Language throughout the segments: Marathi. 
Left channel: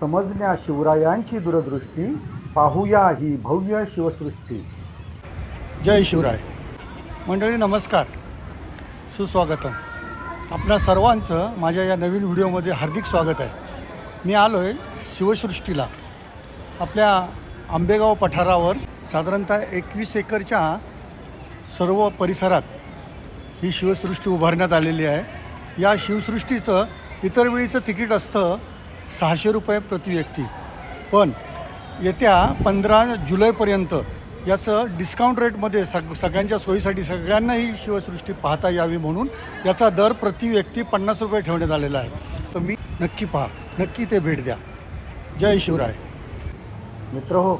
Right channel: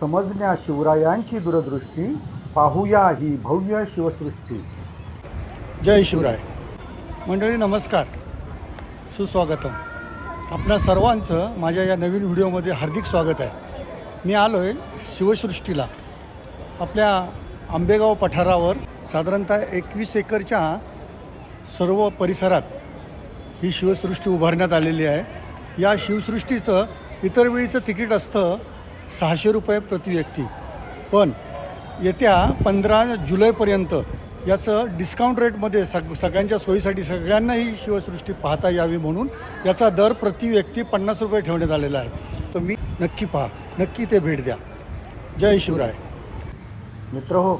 समजण्या शिवरायांची दूरदृष्टी पाहूया ही भव्य शिवसृष्टी. जय शिवराय. मंडळी नमस्कार. सुस्वागतम. आपणा सर्वांचं माझ्या या नवीन व्हिडिओमध्ये हार्दिक स्वागत आहे. मी आलो आहे शिवसृष्टीला. आपल्या आंबेगाव पठारावर साधारणतः एकवीस एकरच्या सर्व परिसरात ही शिवसृष्टी उभारण्यात आलेली आहे. या शिवसृष्टीचं इतर वेळीचं तिकीट असतं सहाशे रुपये प्रति व्यक्ती. पण येत्या पंधरा जुलैपर्यंत याचं डिस्काउंट रेटमध्ये सग सगळ्यांच्या सोयीसाठी सगळ्यांना ही शिवसृष्टी पाहता यावी म्हणून याचा दर प्रति व्यक्ती पन्नास रुपये ठेवण्यात आलेला आहे. तर मी नक्की पहा नक्की ते भेट द्या. जय शिवराय. मित्र हो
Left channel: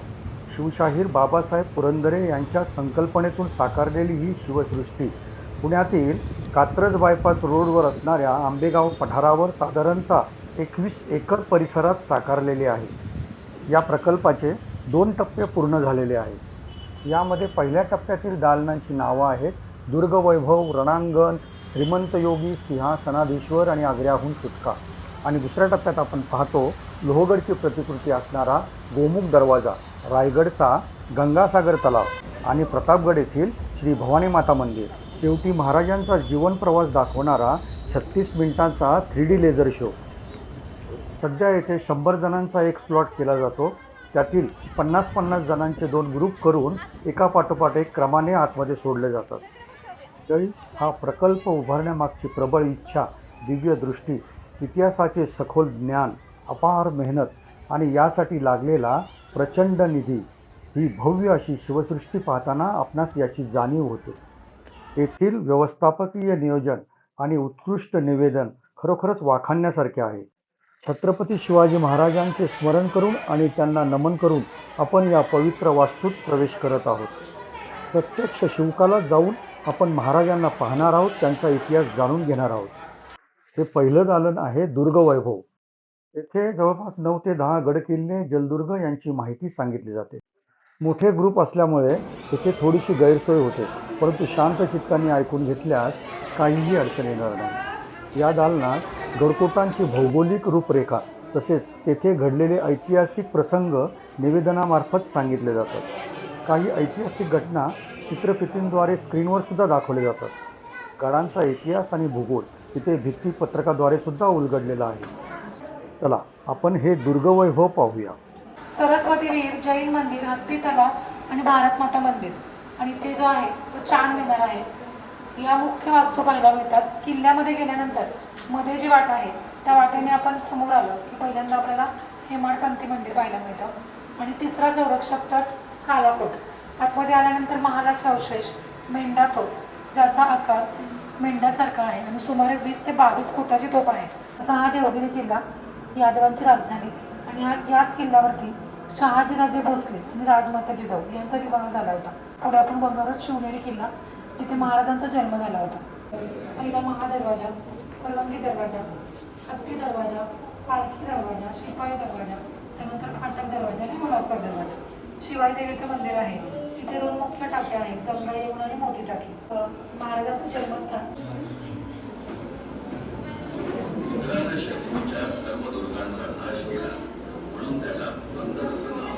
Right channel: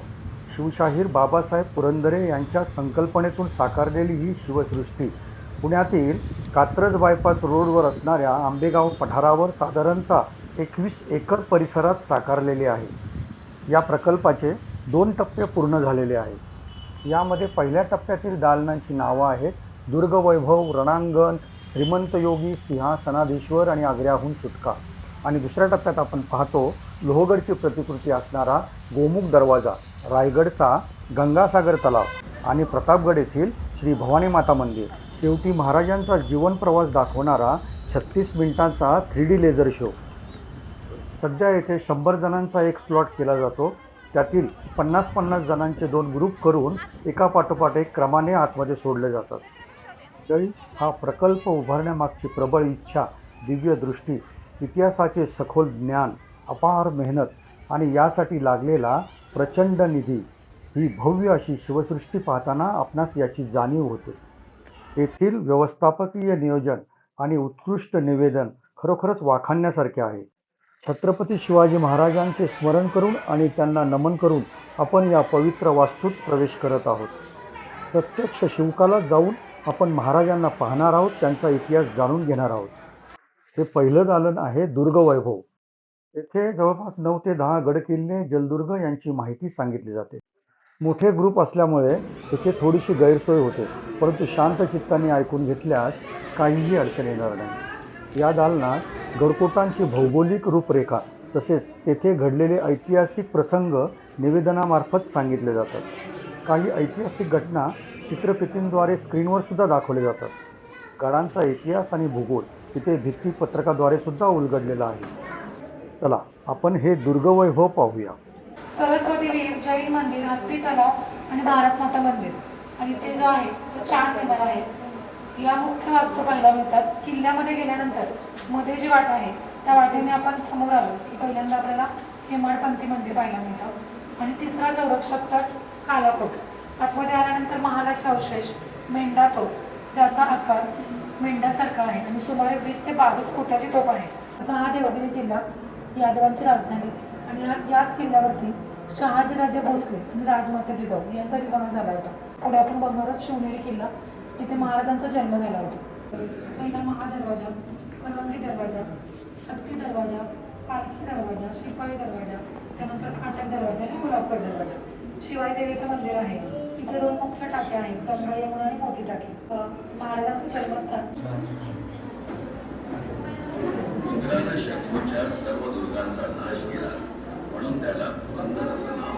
शिवशाहीर बाबासाहेब पुरंदरे यांच्या संकल्पनेतून साकारलेली ही शिवसृष्टी पुण्यातील कात्रज बायपास रोडवर असणाऱ्या आंबेगाव पठारावर साधारणतः एकवीस एकर परिसरात साकारलेली आहे. या प्रकल्पाचे दोन टप्पे पूर्ण झालेले आहेत. यामध्ये पहिल्या टप्प्यातील दालनांची नावं आहेत. दुर्गवैभव रणांगण श्रीमंत योगी सिंहासनाधीश्वर आणि आग्र्याहून सुटका. आणि दुसऱ्या टप्प्यात आपण पाहतो लोहगडची प्रतिकृती असणारा गोमुख दरवाजा रायगडचा गंगासागर तलाव आणि प्रतापगड येथील श्री भवानी माता मंदिर. शेवटी महाराजांचा जीवन प्रवास दाखवणारा छत्तीस मिनिटांचा थ्री डी लेझर शो. सध्या येथे शंभर जणांचा एक स्लॉट केला जातो. त्यातील पन्नास पन्नास जणांचे दोन ग्रुप करून एका पाठोपाठ एक क्रमाने आतमध्ये सोडले जातात. तरी हा प्रकल्प उभारण्यामागची प्रबळ इच्छा दिव्य दृष्टी इतिहासाचे सखोल ज्ञान अपार मेहनत आणि यासाठी लागलेला प्रचंड निधी ही भव्य अशी शिवसृष्टी पाहताना आपणास याची जाणीव होते. येथील व्यवस्थापकीय नियोजन आणि उत्कृष्ट निवेदन खरोखरच वाखाणण्यासारखे आहे. छत्रपती शिवाजी महाराजांचे स्मरण करून आणि त्यांना नमन करून आपण या पवित्र वास्तूत प्रवेश करत आहोत. प्रत्यक्ष शिवकाला जाऊन आपण महाराजांना पाहणार आहोत त्यांचा इतिहास जाणून घेणार आहोत. हे पहिलं दालन आहे दुर्गवैभव. येथे जवळपास नऊ ते दहा गडकिल्ले जलदुर्ग यांची माहिती सांगितली जाते. मोठे ग्रुप असल्यामुळे येथे थोडीशी गैरसोय होते परंतु शांत चित्ताने ऐकून घेतल्यास काहीही अडचण येणार नाही. या दालनात गडकोटांची भौगोलिक रूपरेखा तसेच तेथे घडलेले ऐतिहासिक प्रसंग निवेदनामार्फत सांगितले जातात. काही ऐतिहासिक घटना चित्रफितींद्वारे स्क्रीनवर सुद्धा दाखवले जातात. गडांचा इतिहास आणि भूगोल तिथे भित्तीपत्रकाद्वारे सुद्धा उलगडलेला आहे. चला आपण हे दुर्गवैभव पाहूया. सरस्वती वीर जैन मंदिर हत्ती तलाव आणि भारत माता मंदिर. आणि ते जो आहे तो चार मीनार आहे या मुख्य वास्तू पाहायला मिळतात किल्ल्यामध्ये गेल्यानंतरमध्ये जी वाट आहे त्या वाटेने आपण समोर आलो की पहिल्यांदा आपल्याला हेमाडपंथी मंदिर पाहायला मिळतं. आणि तिसरा संरक्षक तट कालाकोट. आतमध्ये आल्यानंतर महालाचे अवशेष मेंढा तोप ज्याचा आकार मेंढ्यासारखा आहे आणि सुमारे वीस ते बावीस फुटाची तोप आहे. असा हा देवगिरी किल्ला यादवांची राजधानी आणि या याच किल्ल्यावरती शहाजीराजे भोसले आणि राजमाता जिजाऊ यांचा विभाग झाला होता. पुढे आपण बघणारच शिवनेरी किल्ला. तिथे महाराजांचा जन्म झाला होता. पहिला महादरवाजा परवानगी दरवाजा हत्ती दरवाजा पालखी दरवाजा शिपाई दरवाजा त्यानंतर फाटक दरवाजा आणि गुलाबगड दरवाजा. शिवाय देवीचं मंदिर आहे. तिथे दोन मुख्य टाक्या आहेत गंगा यमुना आणि मोठी टाकी. महाराजांचं जन्मस्थान. शत्रूच्या सर्व दुर्गांचा नाश केला. म्हणून त्याला पुरंदर असं नाव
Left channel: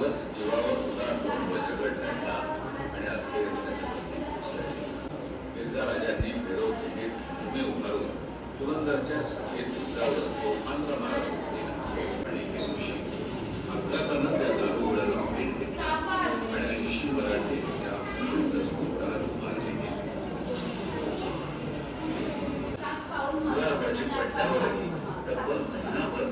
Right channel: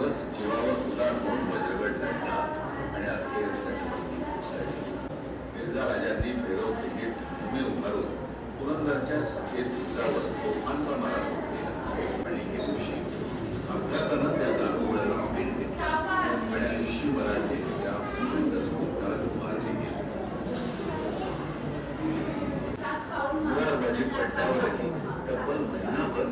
दिवस जीवावर उदार होऊन वज्रगड लढला आणि अखेर त्याच्यावरती कोसळली मिर्झा राजांनी भैरव खंडीत भूमी उभारून पुरंदरच्या सफेद दिवसावर तोफांचा मारा सुरू केला आणि एके दिवशी अपघातानं त्या दारुगोळ्याला भेट घेतली. आणि ऐंशी मराठे त्या प्रचंड स्तूपात मारले गेले. उदारबाजी म्हणजे पडल्यावरही तब्बल महिनाभर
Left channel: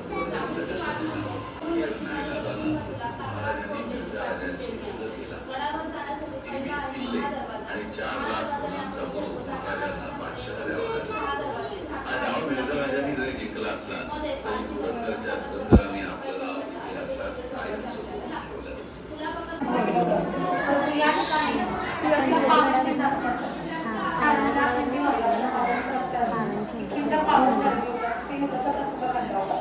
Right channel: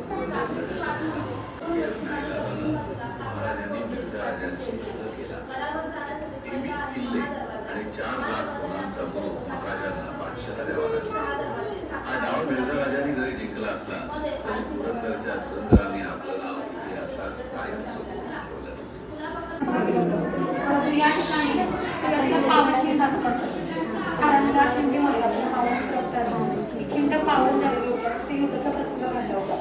समोर होरांचा बोध महाराजांना बादशाह मिर्झाराजांनी जरी जिंकला असला तरी पुरंदरच्या पुरंदराने आपलं नाव इतिहासात कायम ठेवलं या ठिकाणी असतात कारण पावन ते युद्धाचा प्रसंग घडला होता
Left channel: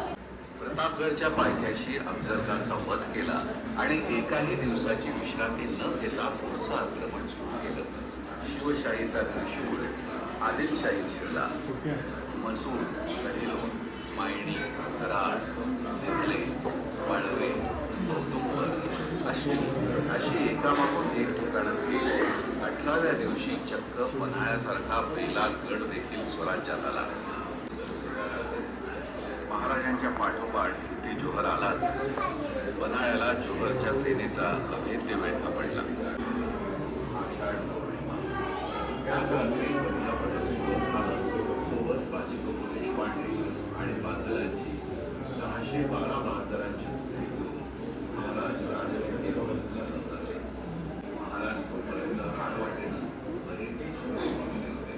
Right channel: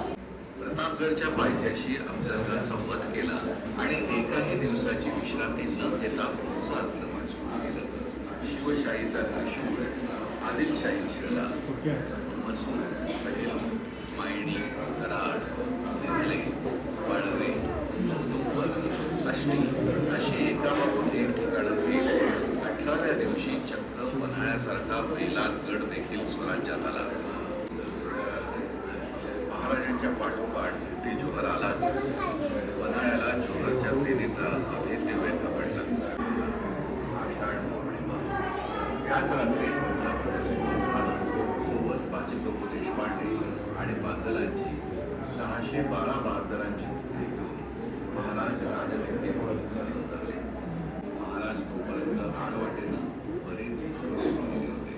प्रतापगडच्या पायथ्याशी अफजलखानचा संवाद केला आणि एकाही दिवसाची विश्रांती न घेता पुढचं आक्रमण सुरू केलं. शिवशाहीचा ऋषीमुळे आदिलशाही शिरला मसूर करेलो मायणी कराड निघले वाळवे औदुंबर अष्टी अशी एकामागून एक ठिकाणांनी अठराव्या दिवशी चक्क पन्हाळ्यासारखा पहिला गड देखील स्वराज्यात आला. महाराजांच्या पाठोपाठ सिद्धी जोहर आलाच. पन्हाळ्याला जोहरच्या सेनेचा त्याच सोबत कोल्हापूर संस्थान सोबत देशपांडे आणि बांदलांची सहाशे बारा बहादरांची तुकडी घेऊन महाराज राजनिर्मितीवर उतरले महाराज तोपर्यंत रानवाटेनं बरेच मागले होते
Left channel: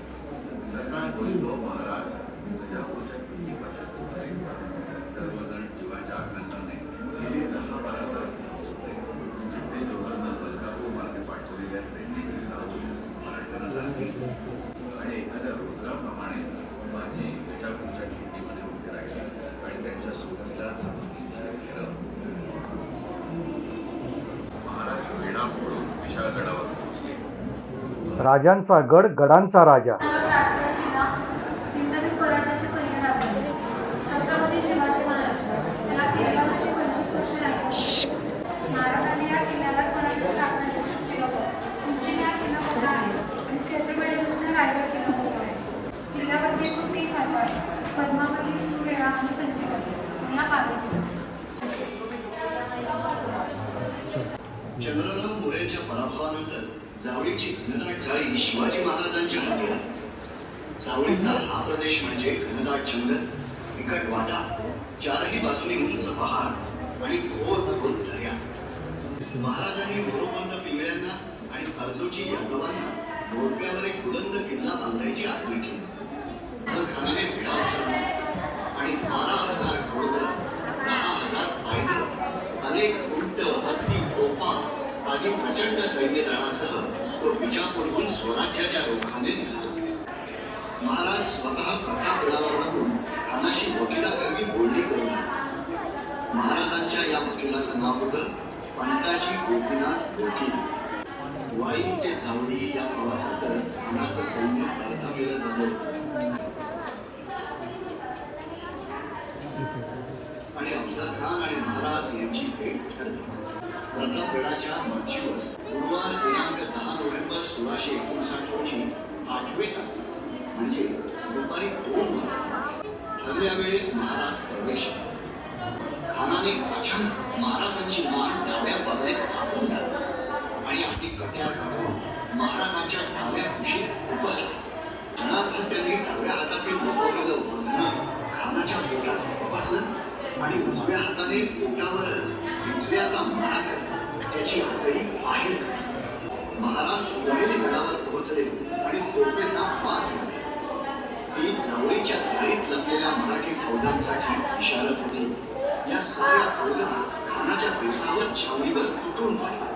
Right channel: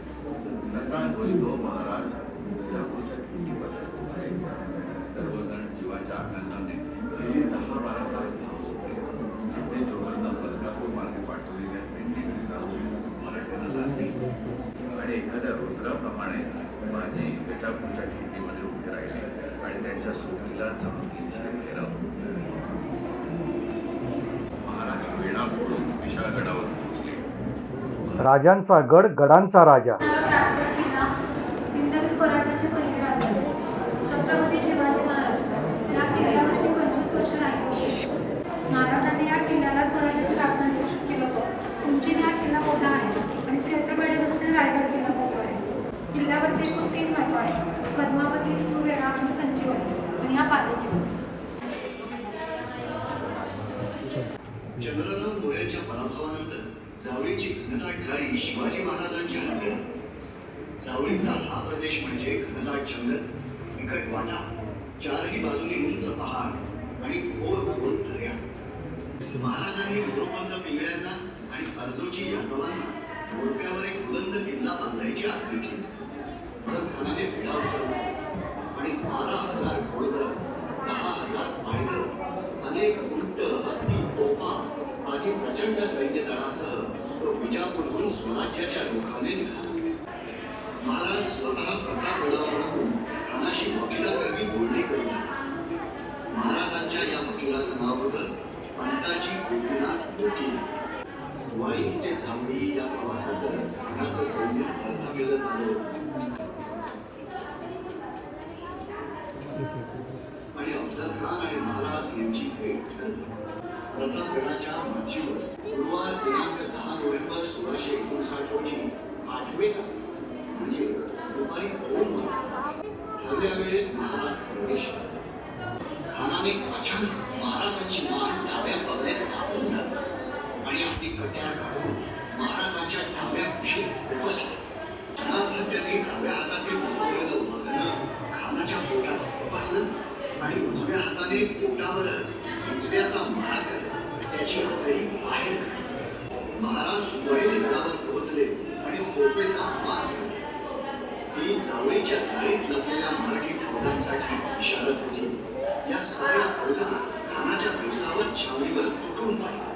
सकाळ होईल तो महाराज गजापूरच्या किल्लीपाशी पोहोचले सर्वजण जीवाच्या आकांताने गेले दहा बारा तास धावत होते सिद्धी जोहरनं मलकापूर मार्गे पाठवलेल्या सैन्याची चाहूल आणि एखाद्या रुद्राप्रमाणे माझी गजापूरच्या खिंडीमध्ये उभे राहिले आणि त्यांच्या सोबतीला जणू तीनशे फिरव महाराज वेढा फोडून विशाळगडावर पोहोचले. राजांचा गड गडांचा राजा. राजगड किल्ला हिंदवी स्वराज्याचे पहिले राजधानी छत्रपती शिवाजी महाराज या किल्ल्यामध्ये पंचवीस वर्ष राहिले महाराजांनी या किल्ल्याला स्वराज्याची राजधानी घोषित केलं होतं उंचीने हा किल्ला मोठा आहे आणि क्षेत्रफळापासून रायगड किल्ला मोठा आहे किल्ल्यावरती एकूण तीन राजा आहेत पद्मावती वेळा आणि संजीवनी आणि या पालखी चंद्रराव मोऱ्यांच्या पराभवानंतर जावळीची घनदाट जाळी शिवाजी महाराजांच्या हाती आली जावळीचा हा प्रदेश म्हणजे घनदाट जंगल निकट वाटा चारही बाजूनी उंच पहाड आणि घोर घोर दर्या. महाराजांनी मोरोपंत पिंगळ्यांना आणि अर्जोजी यादवांना मोरप्यावर एक बुलंद किल्ला बांधायची आज्ञा केली. जर खानाने विडा उचलला आणि बारा हजार घोडदळ प्रचंड सैन्यदळासह तो विजापूरहून स्वराज्याच्या रोखाने निघाला. महाराज स्वतः प्रतापगडावर राहून खानाशी वकिलाकरवी बोलणी करू महाराजांच्या या वकिलाचं नाव होतं पंताजी गोपीनाथ वकील वाई ते जावडी या प्रवासातच खानाचं सैन्य अर्धा केलं जात. होतं आणि अफजल खान आणि महाराज यांची भेट ठरली. प्रतापगडाच्या मच्छीवर गुरुवार दिनांक दहा नोव्हेंबर सोळाशे एकोणसाठ रोजी आठवे तास म्हणजे दुपारी दोन वाजता ठरल्या वेळेस महाराज प्रवेश खानाने अचानक महाराजांची मान डाव्या बगलेत कापून आणि आपली कट्यार काढून महाराजांच्या डाव्या कुशीत उपसले जनार्दन त्यांनी डाव्या हातातील लपवलेलं वाघनं खानाच्या डोळ्यात उपसलं आणि उजव्या हाताने पोटावरच उजव्याचा मारा करत त्याची आतडी बाहेर महाराज वरेली गडावर पोहोचले आणि तोफेचा पार केला. ही जावळीच्या जाळीत लपलेल्या मराठी फौजांसाठी इशारत होती. या सगळ्या फौजांना खानाच्या दिवसावर छावणीवर तुटून पडले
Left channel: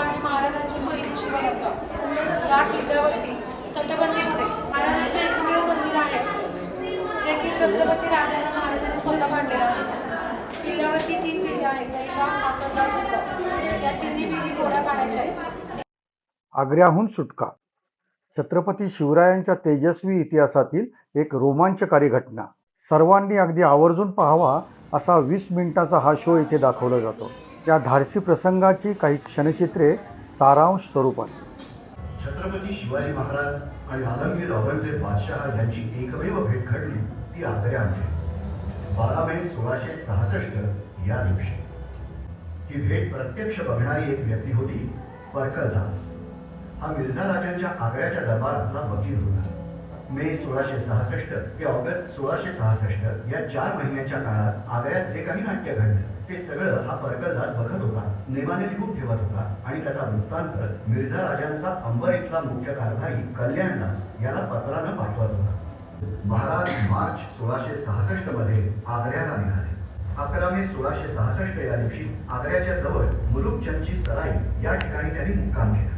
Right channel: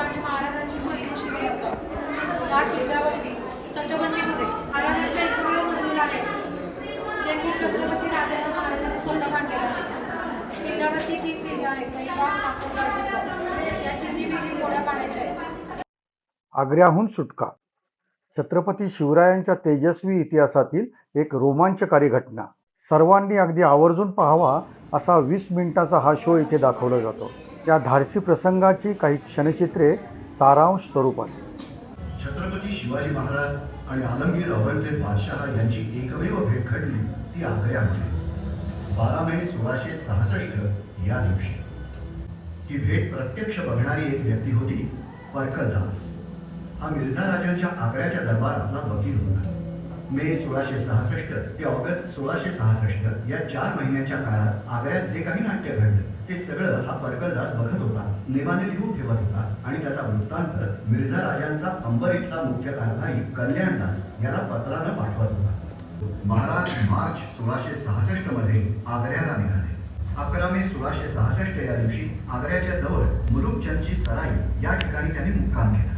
आणि महाराजांची बरीच शिवरात्र या किल्ल्यावरती तटबंदीमध्ये महाराजांच्या एकमेव मंदिर आहे जे की छत्रपती राजांना महाराजांनी स्वतः बांधलेलं आहे. किल्ल्यावरती तीन विहिरी आहेत. दहीबाग साखरबाग दुर्ग. या तिन्ही विहिरी गोड्या पाण्याच्या आहेत. आग्र्याहून सुटका. छत्रपती शिवरायांच्या तेजस्वी इतिहासातील एक रोमांचकारी घटना. सर्वांनी अगदी आवर्जून पाहावा असा वीस मिनिटाचा हा शो इथे दाखवला जातो. त्या धाडसी प्रसंगाची काही क्षणचित्रे सारांश स्वरूपात. छत्रपती शिवाजी महाराज आणि आलमगीर औरंगजेब बादशहा यांची एकमेव भेट घडली ती आग्र्यामध्ये. बारा मे सोळाशे सहासष्ट या दिवशी. ही भेट प्रत्यक्ष बघणारी एक व्यक्ती होती परकलदास. हा मिर्झा राजांच्या आग्र्याच्या दरबारातला वकील होता. मे सोळाशे सहासष्ट ते ऑगस्ट सोळाशे सहासष्ट या चार महिन्याच्या काळात आग्र्यात जे काही नाट्य घडलं ते सगळं हा परकलदास बघत होता नेमाने लिहून ठेवत होता आणि त्याचा वृत्तांत मिर्झा राजांचा अंबर इथला मुख्य कारभारी कल्याणदास याला पत्रानं पाठवत होता. महाराज मार्च सोळाशे सहासष्टमध्ये आग्र्याला निघाले. अकरा मे सोळाशे सहासष्ट या दिवशी आग्र्याच्या जवळ मुलुकचंदची सराई या ठिकाणी त्यांनी मुक्काम केला.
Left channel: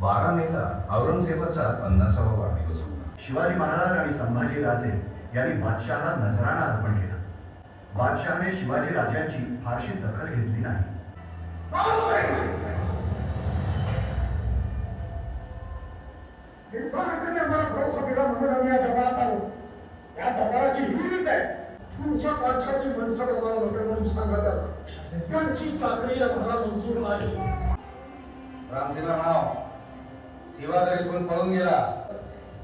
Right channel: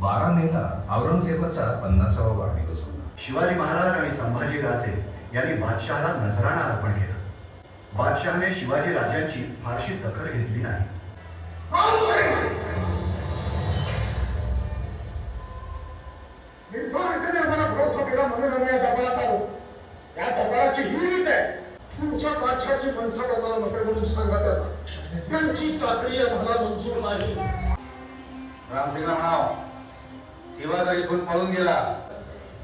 बारा मेला औरंगजेबाचा पन्नासावा वाढदिवस. शिवाजी महाराज आणि संभाजी राजे यांनी बादशहाला नजराणा अर्पण केला. बादशहाने शिवाजी राजांची फारशी दखल घेतली नाही. आम्हाला आम्ही या दरबारात आलो या दरबाराची ही रीत आहे. तुमच्या बादशाची मनसा बघावं नको म्हणून सांगत आहे त्यांची चाकरी आम्हाला मंजूर नाही. रामसिंगला म्हणाव जर इथून पळून गेला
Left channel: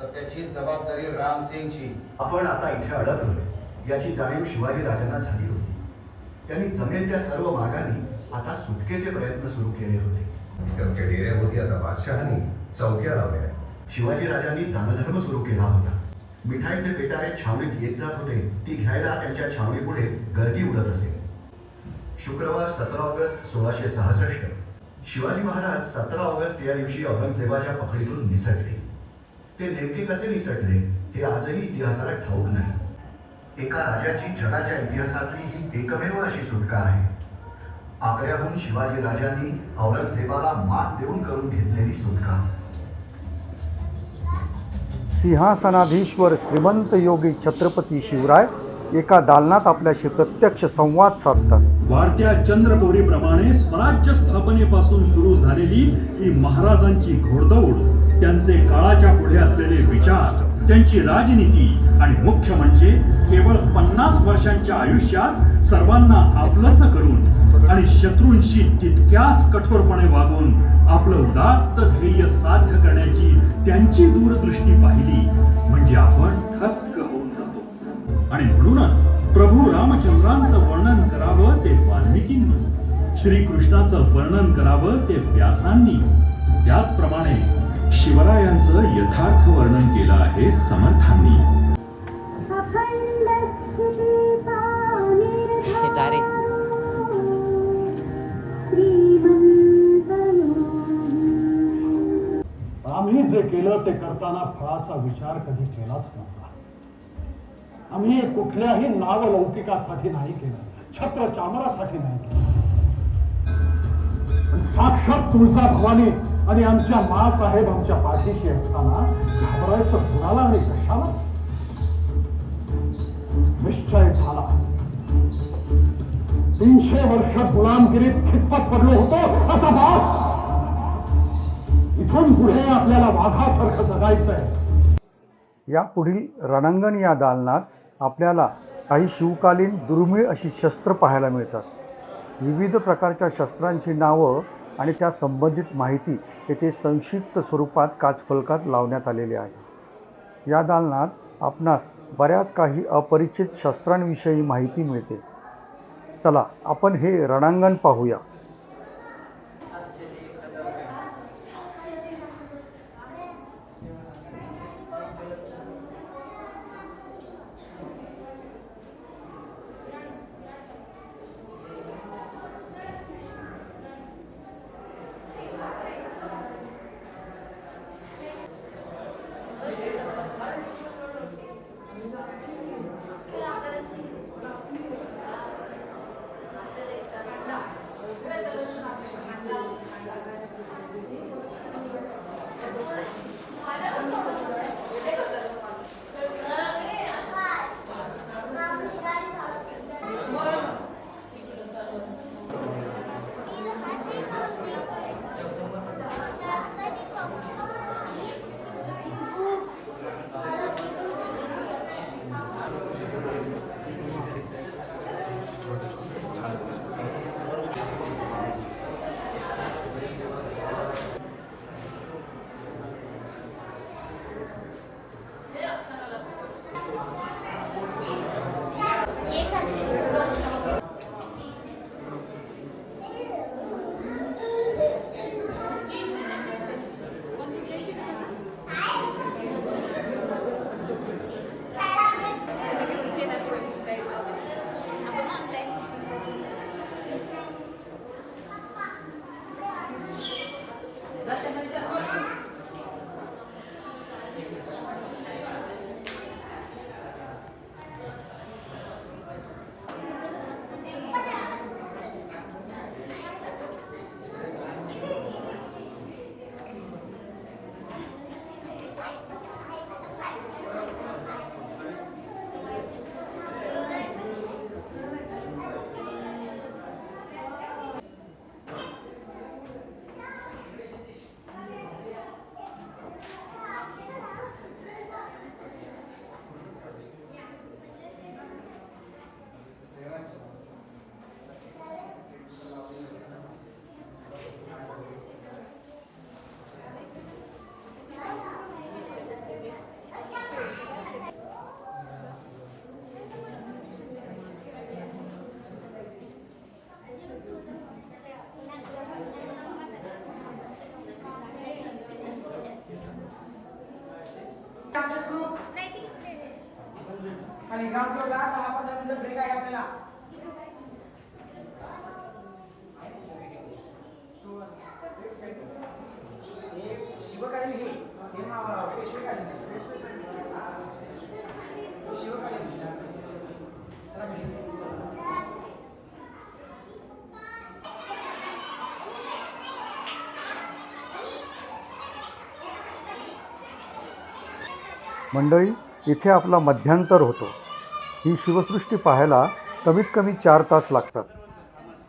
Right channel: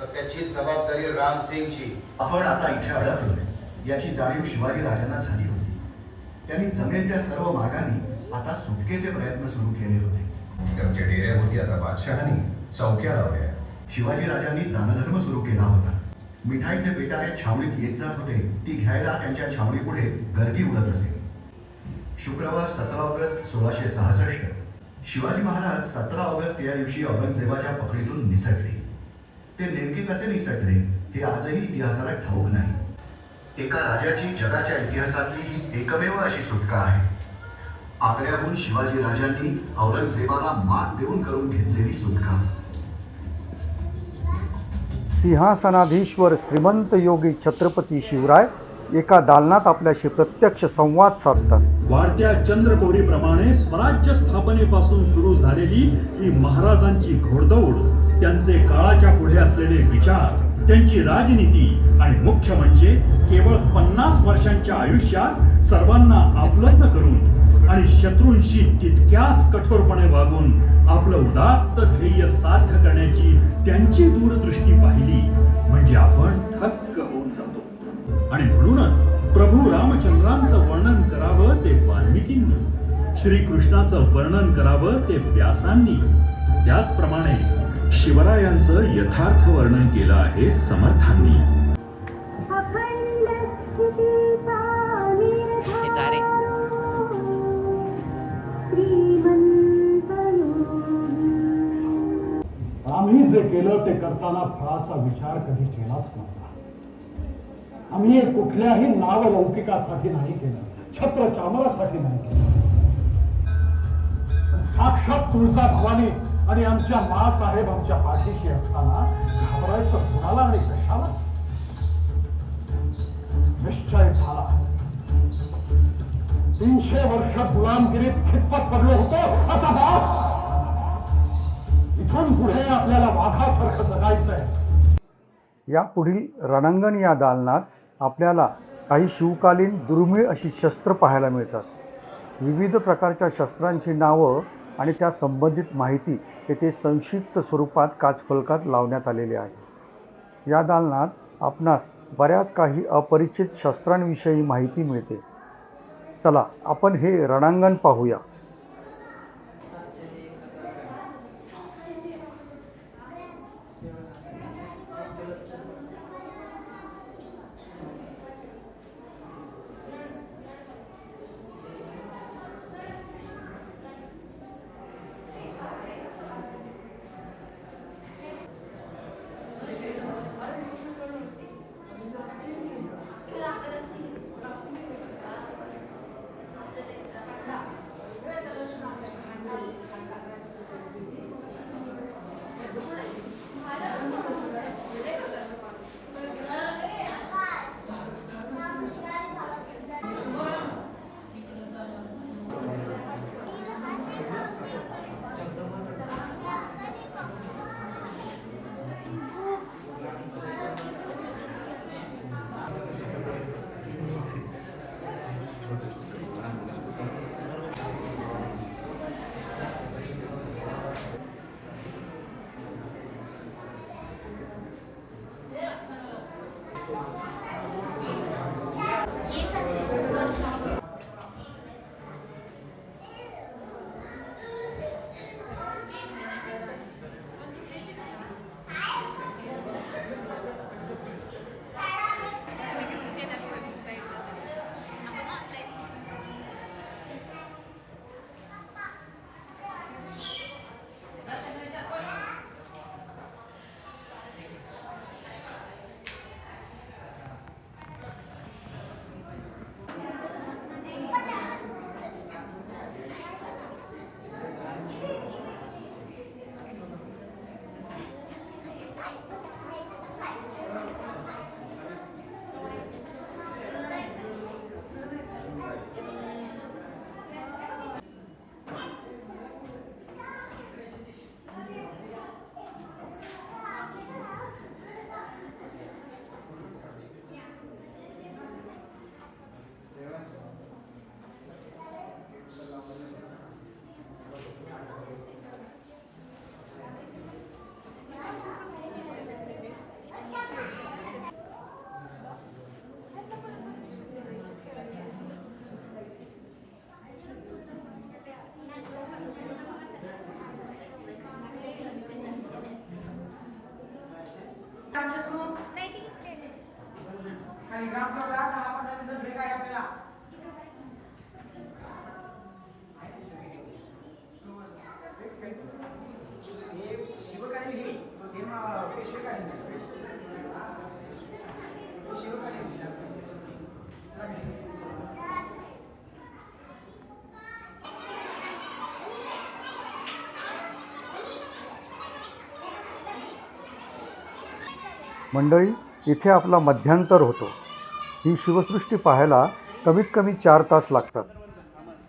तर त्याची जबाबदारी रामसिंगची. आपण आता इथे अडकलोय. याची जाणीव शिवाजी राजांना झाली होती. त्यांनी जमेल त्या सर्व मार्गाने आता सुटकेचे प्रयत्न सुरू केले होते. इकडच्या डेऱ्याभोवती आता बादशहानी चौक्या लावल्या. शिवाजी राजांनी दानधर्म सुरू केला होता. मिठाईचे पेटारे छावणीत येत जात होते ती घ्यायला त्यांच्या छावणीपुढे गर्दी उडत असे. शुक्रवार सतरा ऑगस्ट सोळाशे सहासष्ट. शिवाजी महाराज सतरा ऑगस्ट या दिवशी औरंगजेबाच्या पकडीतून निसटले. ते नेमके कसे निसटले हे आजही इतिहासाला ठाऊक नाही. एका राजाची जगाच्या इतिहासातली ही एकमेव अशी सुटका आहे. आग्र्याहून शिवाजी राजांनी औरंगजेबाला मात देऊन करून घेतलेली सुटका. सिंहासनाधीश्वर श्रीमंत योगी छत्रपती शिवराय एका दालनात आपल्याशी प्रत्यक्ष संवाद साधतात. वाढत्या चंद्रकोरीप्रमाणे स्वराज्य स्थापनेपासून सुरू झालेली ही महाराजांची घोडदौड त्यांचे काळाच्या पुढे असलेले विचार त्यांची राजनीती आणि मुख्य म्हणजे केवळ पन्नास वर्षांच्या आयुष्यात सर्वांना आपलंस करून आणि शत्रूंशी तितक्याच कठोरपणे वागून आपलं उदात्त ध्येय साध्य करण्याची त्यांची दूरदृष्टी पाहिली म्हणजे आपण थक्क होऊन जातो. आणि म्हणूनच प्रभू रामचंद्रांचं वर्णन करावं ते वाल्मिकींनी श्रीकृष्णाचं वर्णन करावं ते व्यासांनी. त्याचप्रमाणे शिवरायांचं यथार्थ वर्णन केलं आहे समर्थांनी. करताना फळाचा विचार कधी केलाच नव्हता. आम्ही हे कुठल्याही नावलौकिकासाठी नाही केलं. छत्र चामरासाठी नाही केलं. साक्षात तुळजा भवानी आणि आमच्या मासाहेब आमच्या पाठीशी असताना घाबरायचं कुणाला आणि कशाला? निश्चय झाला. तीनशे वर्ष गुलामगिरीत खितपत पडलो होतो. आता बास! इथून पुढे आपल्याला वाघासारखं जगायचंय. या पुढील रणांगण या दालनात आपल्याला काही शिवकालीन दुर्मिळ अशी शस्त्र पाहायला मिळतात. विविध प्रकारच्या शस्त्रांची नावं आणि त्या संबंधित माहिती येथे संक्षिप्त स्वरूपात काचफलकात लावण्यात आलेली आहे. या दालनात आपणास बऱ्याच काही अपरिचित शस्त्रांविषयी माहिती मिळते. चला आपण हे रणांगण पाहूया. Kaligraf lo lahat मंडळी इथे आपला मध्यांतर होतो. ही शिवसृष्टी पाहायला कमीत कमी चार तास लागतात.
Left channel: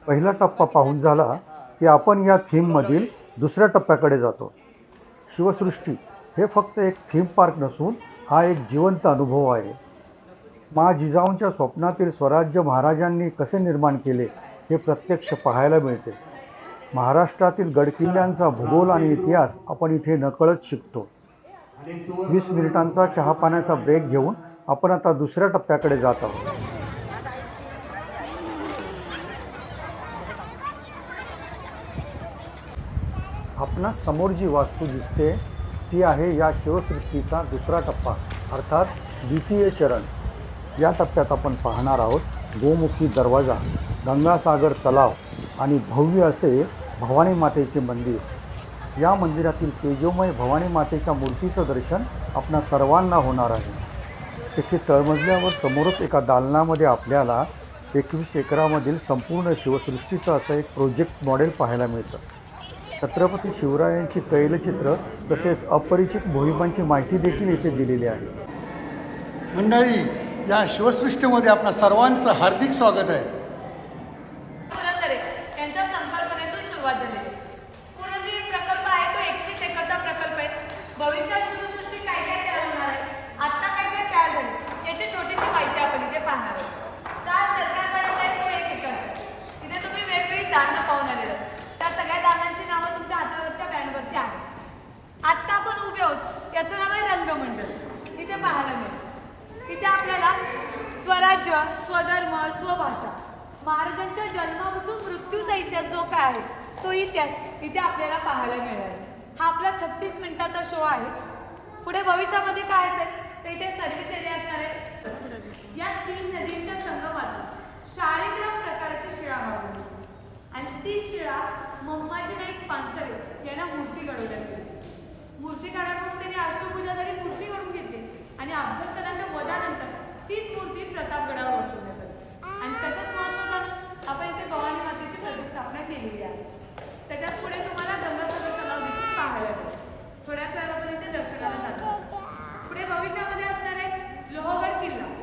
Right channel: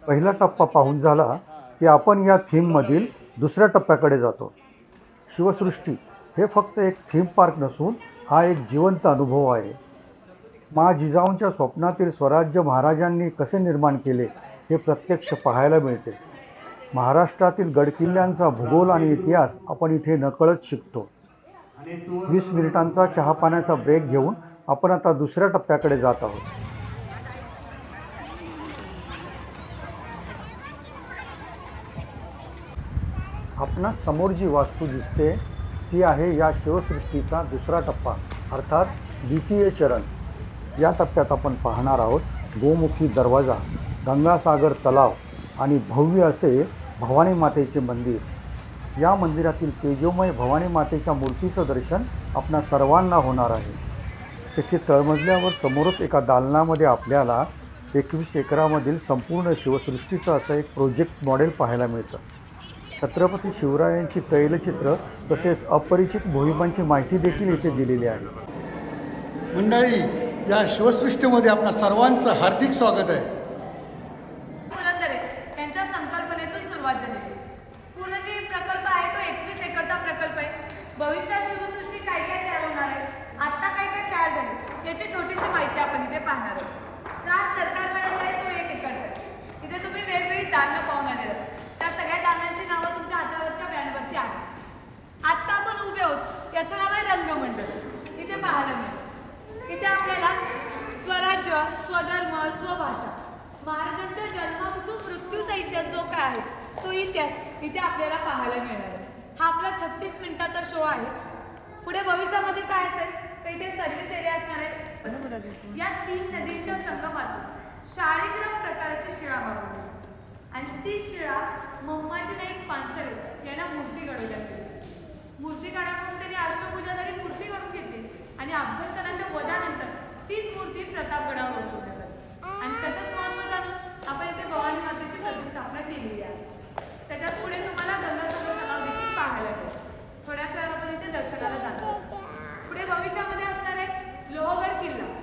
पहिला टप्पा पाहून झाला की आपण या थीममधील दुसऱ्या टप्प्याकडे जातो. शिवसृष्टी हे फक्त एक थीम पार्क नसून हा एक जिवंत अनुभव आहे. मा जिजाऊंच्या स्वप्नातील स्वराज्य महाराजांनी कसे निर्माण केले हे प्रत्यक्ष पाहायला मिळते. महाराष्ट्रातील गडकिल्ल्यांचा भूगोल आणि इतिहास आपण इथे नकळत शिकतो. वीस मिनिटांचा चहा पाण्याचा ब्रेक घेऊन आपण आता दुसऱ्या टप्प्याकडे जात आहोत. आपणा समोर जी वास्तू दिसते ती आहे या शिवसृष्टीचा दुसरा टप्पा अर्थात द्वितीय चरण. या टप्प्यात आपण पाहणार आहोत गोमुखी दरवाजा गंगासागर तलाव आणि भव्य असे भवानी मातेचे मंदिर. या मंदिरातील तेजोमय भवानी मातेच्या मूर्तीचं दर्शन आपणा सर्वांना होणार आहे. तेथे तळमजल्यावर समोरच एका दालनामध्ये आपल्याला एकवीस एकरामधील संपूर्ण शिवसृष्टीचं असं एक प्रोजेक्ट मॉडेल पाहायला मिळतं. छत्रपती शिवरायांची तैलचित्र तसेच अपरिचित भूमिकांची माहिती देखील येथे दिलेली आहे. मंडळी या शिवसृष्टीमध्ये आपणा सर्वांचं हार्दिक स्वागत आहे पुरंदरे यांच्या संकल्पनेतून सुरुवात झाली आहे. पूर्ण जे प्रकल्प आहे तो एकवीस एकरचा प्रकल्प आहे भविष्यात शिवसृष्टी काय काय तयार होणार आहे आता काय काय तयार झाले याची छोटीशी माहिती आपण इथे पाहणार आहोत का सरकार पाणी आहे तो एक एकर आहे. इथे तुम्ही वेगवेगळी दानं पाहून आले आहात. त्या सगळ्या दानांची नावं तुमच्या हातावरच्या बँडवरती आहेत आत्ता आपण उभे आहोत याचं नाव आहे रंगमंडळ इथे पाहायला मिळेल इथे आपल्याला स्वराज्य स्वधर्म स्वभाषा महाराजांच्या जन्मापासून मृत्यूचा इतिहास जो काय आहे तो इतिहास इथे आपल्याला पाहायला मिळणार आहे हा आपला छत्तीस मिनिटाचा शो आहे. पुढे भविष्यामध्ये काय असेल तर इथे सर्व्हिस एरिया असणार आहे. या तीन नदींच्या संगमातून शाळेग्राम प्रकारची शिळा मागवली. आणि ती शिळा मम्माजी नाईक पानसरे यांना मूर्ती घडवली असते. मूर्ती काढाकडून त्यांनी अष्टभुजाधारी मूर्ती घडून घेतली. आणि अफजलखानाच्या वधानंतर तीच मूर्ती प्रतापगडावर बसवण्यात आली. आणि त्याचंच महत्त्व जाणून आपण इथे भवानी मातेची प्रतिष्ठापना केलेली आहे. त्याच्यात पुढे तुम्हाला गंगासागर तलाव देखील पाहायला मिळेल. थोड्याच वेळात आपण इथे दर्शनाला जाणार पुढे भविष्यामध्ये असणार आहे लोहगड किल्ला.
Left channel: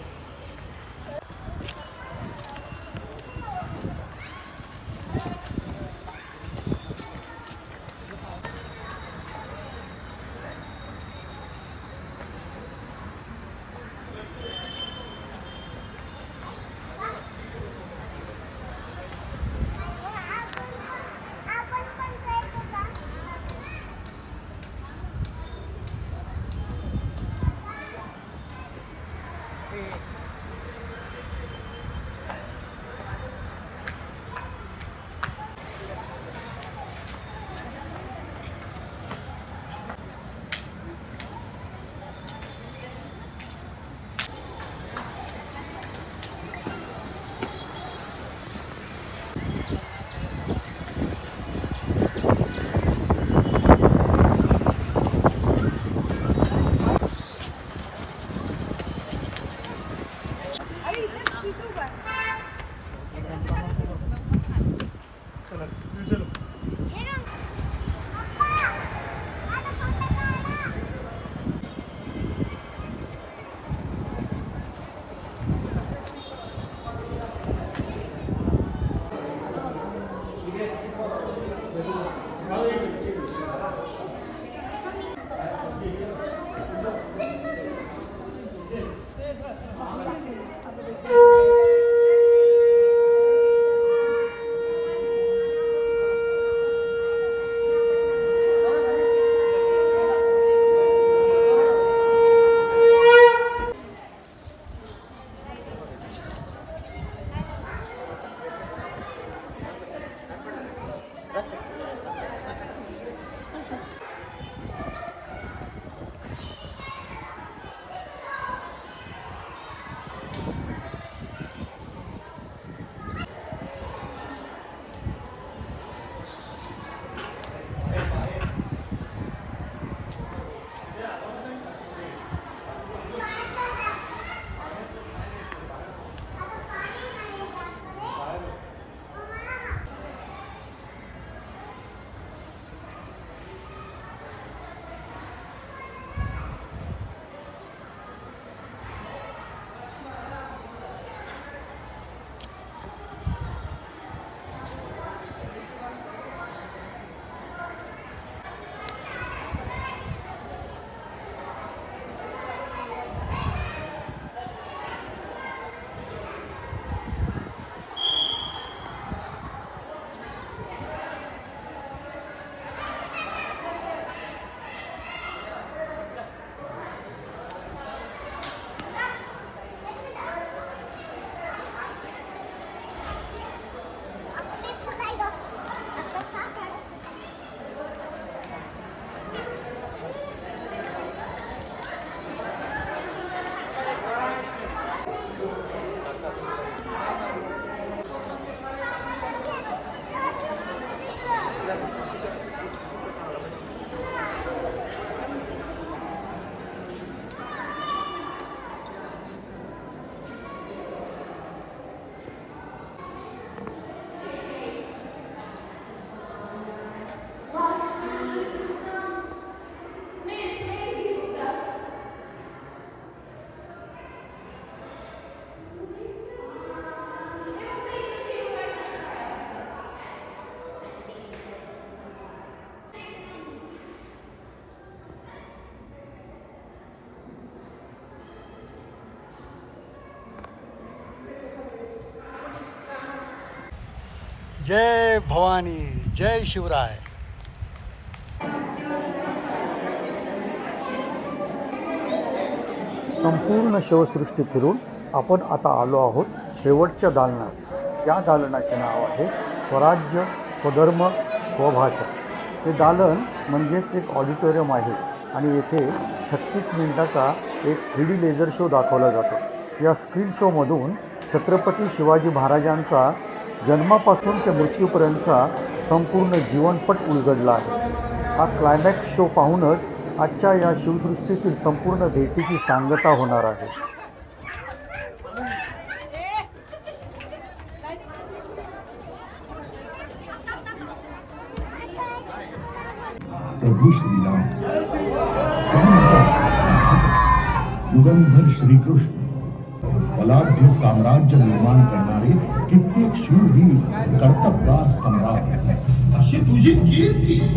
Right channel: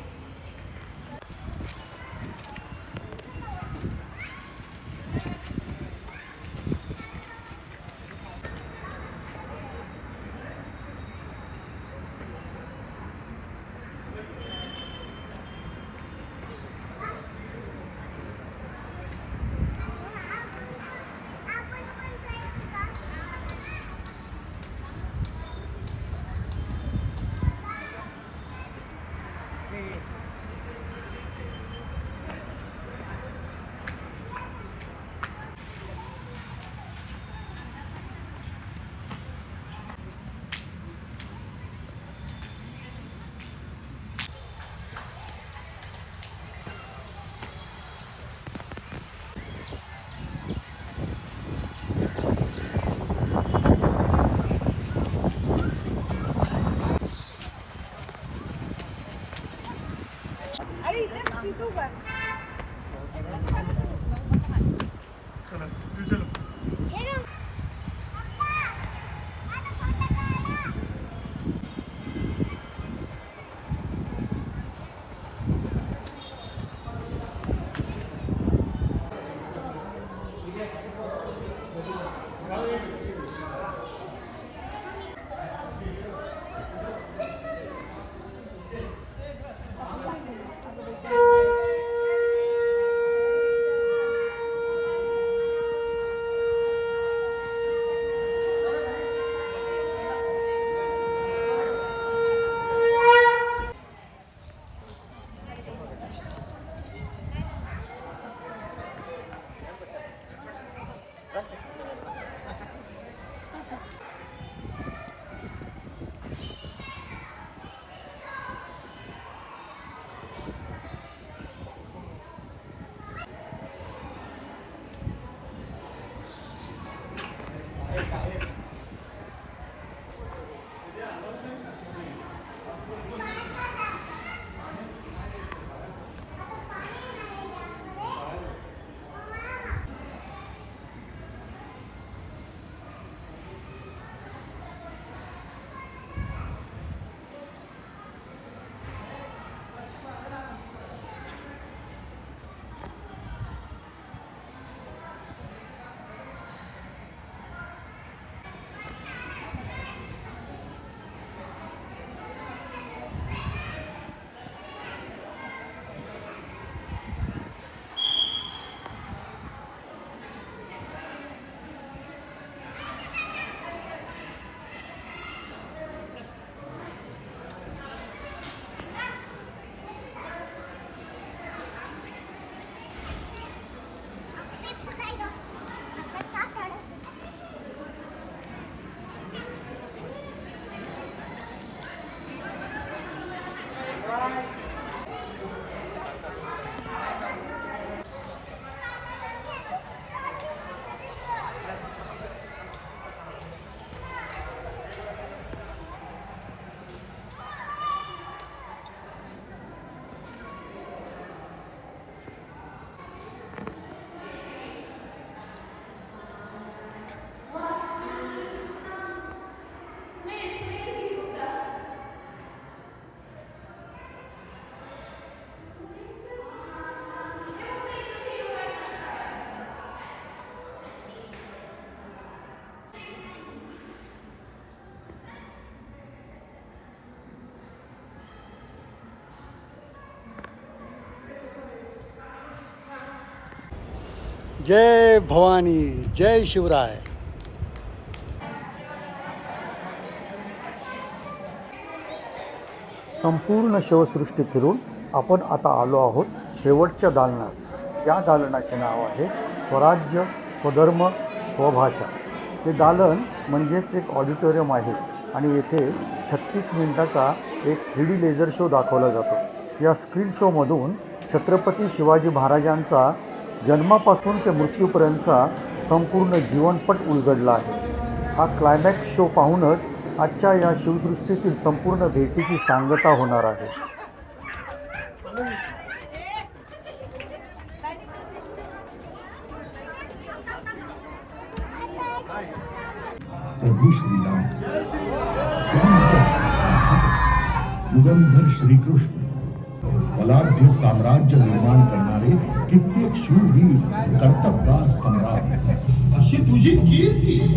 जय भवानी जय शिवराय. संपूर्ण शिवसृष्टी फिरून आपण आता आलो आहोत शेवटच्या दालनात. या दालनाचे नाव आहे स्वराज्य स्वधर्म स्वभाषा हे दालन म्हणजेच एक ऑडिटोरियम आहे आणि येथे छत्तीस मिनिटाचा एक थ्री डी लेझर शो दाखवला जातो. या स्क्रीन शोमधून छत्रपती शिवाजी महाराजांचा जन्मापासून ते मृत्यूपर्यंतचा संपूर्ण जीवनपट उलगडला आहे. हा क्लायमॅक्स शो पाहूनच आजच्या या शिवदृष्टीतील संपूर्ण भेटीची सांगता होणार आहे. युगंधर श्रीकृष्ण बलाढ्य साम्राज्य निर्माण करणार कित्येक शूरवीर कर्तबगार सम्राट। अशी तुझी कीर्ती?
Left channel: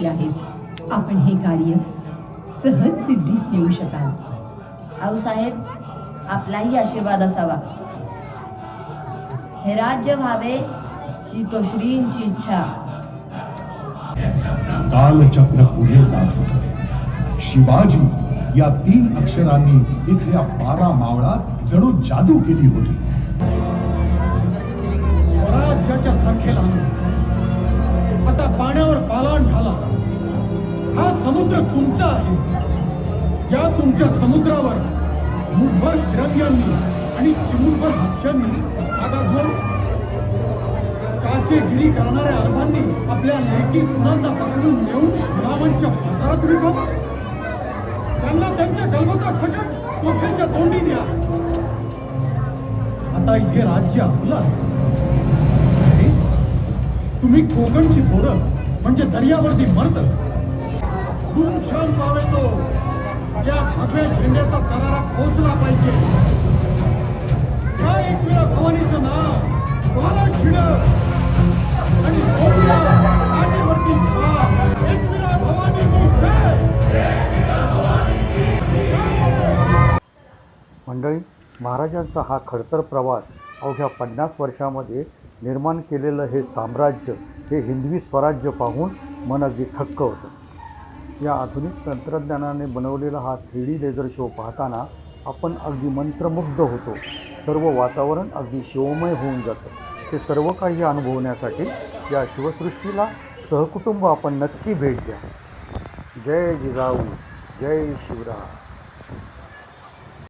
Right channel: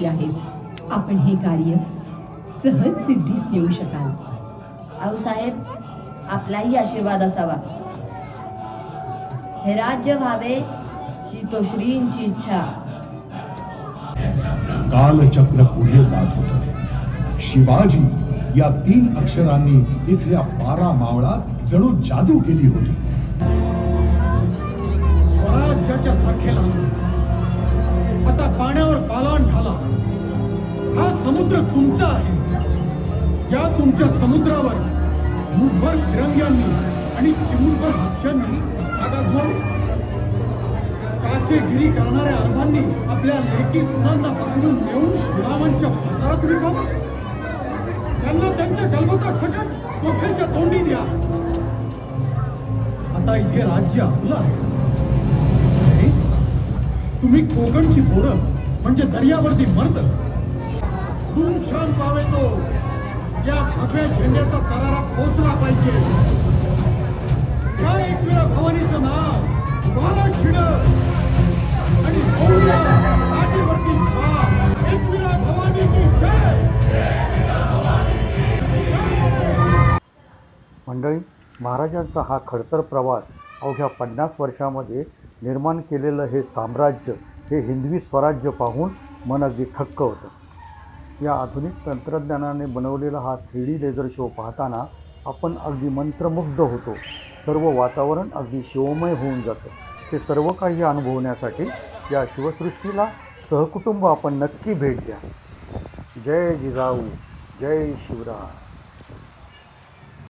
पाठीशी आहेत. आपण हे कार्य सहज सिद्धीस नेऊ शकाल. आऊसाहेब आपलाही आशीर्वाद असावा. हे राज्य व्हावे ही तो श्रींची इच्छा. कालचक्र पुढे जात होत. शिवाजी या तीन अक्षरांनी इथल्या बारा मावळात जणू जादू केली होती. स्वराज्याच्या संख्येला आता पाण्यावर पालान ढाला हा समुद्र तुमचा आहे. या तुमच्या समुद्रावर मुठभर तिरंग्यांनी आणि चिमूटभर हापशांनी सत्ता चाचेगिरी करणाऱ्या अरबांनी आपल्या लेकी सुनांना पकडून नेऊन गुलामांच्या प्रसारात विकाव. त्यांना त्यांच्या गलबता सकट तोफेच्या तोंडी द्या. आता इथे राज्य आपलं आहे. तुम्ही कोकणची पोरं म्हणजे दर्यावरती मर्द. छान पावे तो. या भगव्या झेंड्याचा तरारा पोचला पाहिजे. त्या एकविरा भवानीचं नाव? बारा शिड आणि बोलूया आटीवरती भवानी की जय. मंडळी महाराजांचा हा खडतर प्रवास अवघ्या पन्नास वर्षामध्ये निर्माण केलेलं हे साम्राज्य हे हिंदवी स्वराज्य पाहून मन अगदी थक्क होतं. या आधुनिक तंत्रज्ञानाने बनवलेला हा थ्री डी लेझर शो पाहताना आपण अगदी मंत्रमुग्ध होतो. सर्व वातावरण अगदी शिवमय होऊन जातं. ते सर्व काही अनुभवण्यासाठी या शिवसृष्टीला सहकुटुंब आपण नक्की भेट द्या. जय जिजाऊ जय शिवराय.